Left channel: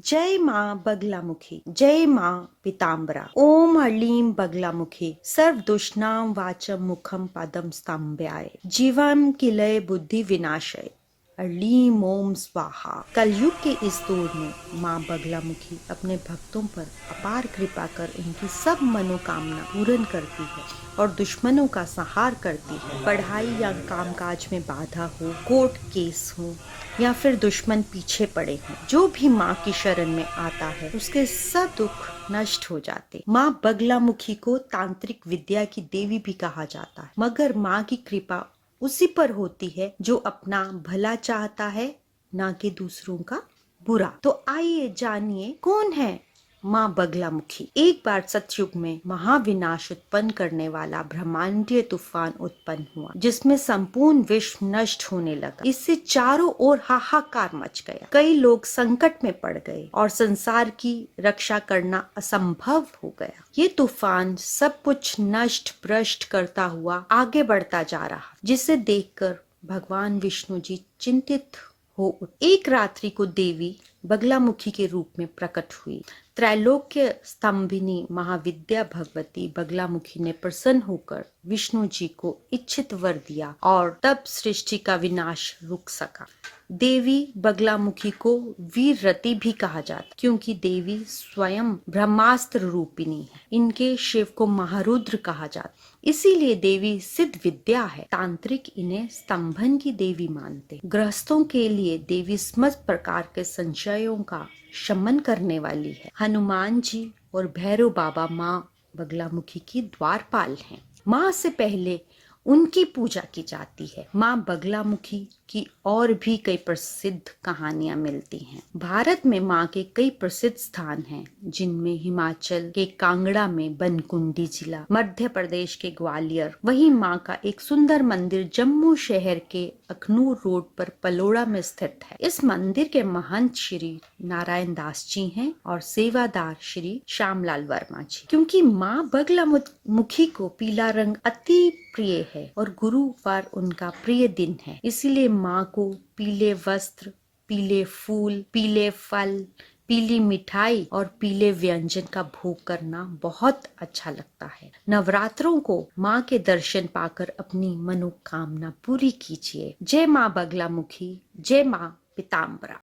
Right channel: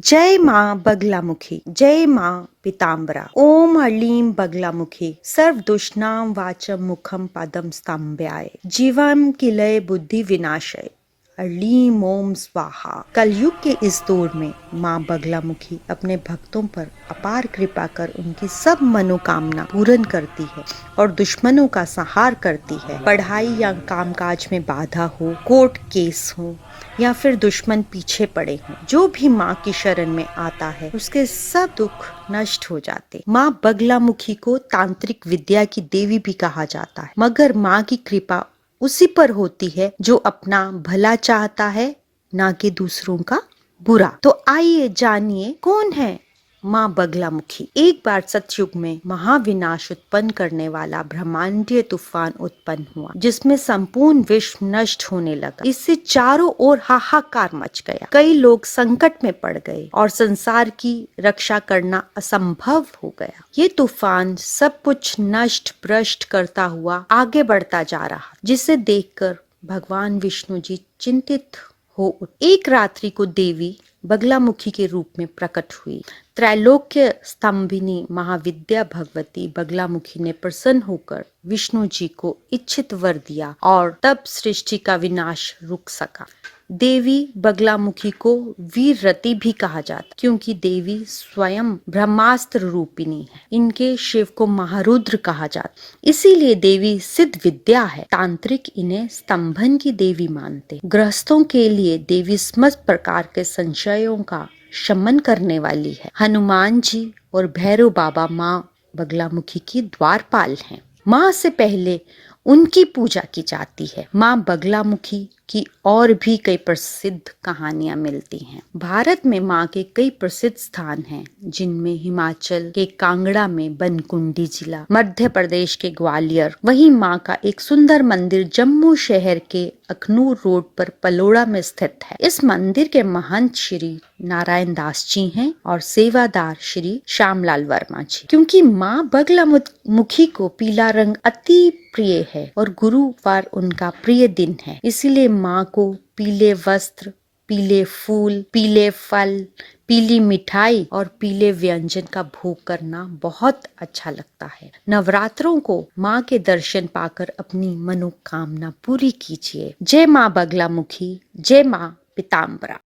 जय माँ बगलामुखी, जय माँ पीताम्बरा। ओम हलीं बगलामुखी, सर्व दुष्णाम वाचम मुखम पदम स्तंभ्याय, जीवम किलय बुद्धि विनाशय, हलीं ओम स्वाहा। कलयुग के इस दौर में माँ बगलामुखी अपने भक्तों पर अपार कृपा कर उनकी सब मनोकामना पूर्ण करती है और दुश्मनों का संहार करती है। पढ़ाई या कामकाज में बाधा हो, कोर्ट केस हो या फिर दुश्मन पीछे पड़े हों, जो भी माँ की शरण में आता है उसके सब दुख नष्ट हो जाते। माँ बगलामुखी को तांत्रिक विद्या की देवी भी कहा जाता है, मगर माँ की कृपा उसी पर होती है जो अपना भला चाहता है, ना कि दूसरों का बुरा। तो आइए जानिए कौन है माँ बगलामुखी। एक बार सतयुग में महाविनाश उत्पन्न करने वाला ब्रह्मांडीय तूफान उत्पन्न हुआ, जिसमें संपूर्ण विश्व नष्ट होने लगा। इससे चारों ओर हाहाकार मच गया। कई लोग संकट में पड़ गए और संसार की रक्षा करना असंभव हो गया। ये तूफान सब कुछ नष्ट भ्रष्ट करता हुआ आगे बढ़ता जा रहा, जिसे देखकर भगवान विष्णु जी चिंतित हो उठे। एक रात्रि को देवी बगलामुखी के रूप में प्रकट हुई। त्रैलोक्य स्तंभिनी महाविद्या भगवती बगलामुखी ने प्रसन्न होकर विष्णु जी को इच्छित वर दिया और तब सृष्टि का विनाश रुक सका। देवी बगलामुखी को वीर रति भी कहा जाता, क्योंकि देवी स्वयं ब्रह्मास्त्र रूपिणी है। इनके शिव को महारुद्र कहा जाता, इसीलिए देवी सिद्ध विद्या है। तांत्रिक इन्हें स्तंभन की देवी मानते। गृहस्थों के लिए देवी समस्त प्रकार के संशयों का शमन करने वाली है। हनुमान जी और भैरव बाबा माँ बगलामुखी की द्वारपाल हैं। माँ से पहले उनकी पूजा की जाती है। माँ बगलामुखी की और भी कई प्रसिद्ध कहानियां मिलती हैं। भारत में माँ के कई प्रसिद्ध स्थान हैं, जिनमें हिमाचल के कांगड़ा में बनकुंडी जिला, मध्य प्रदेश के ग्वालियर, वहीं माँ का एक सुंदर मंदिर जम्मू शहर के अखनूर रोड पर पलोड़ा में स्थित है। इस मंदिर के महंत श्री नारायण दास जी हैं और सेवादार श्री श्यामलाल वर्मा जी। क्योंकि माँ बगलामुखी को पीला रंग अति प्रिय है और गुरुवार उनका प्रिय दिन है, इसीलिए माँ को पीले वस्त्र, पीले फूल, पीले फल, पीली मिठाई और पीले व्यंजन का भोग करना बहुत अच्छा लगता है। नवरात्रों को माँ के दर्शन पाकर अपनी मनोकामना पूरी कीजिए। जय माँ बगलामुखी, जय माँ पीताम्बरा।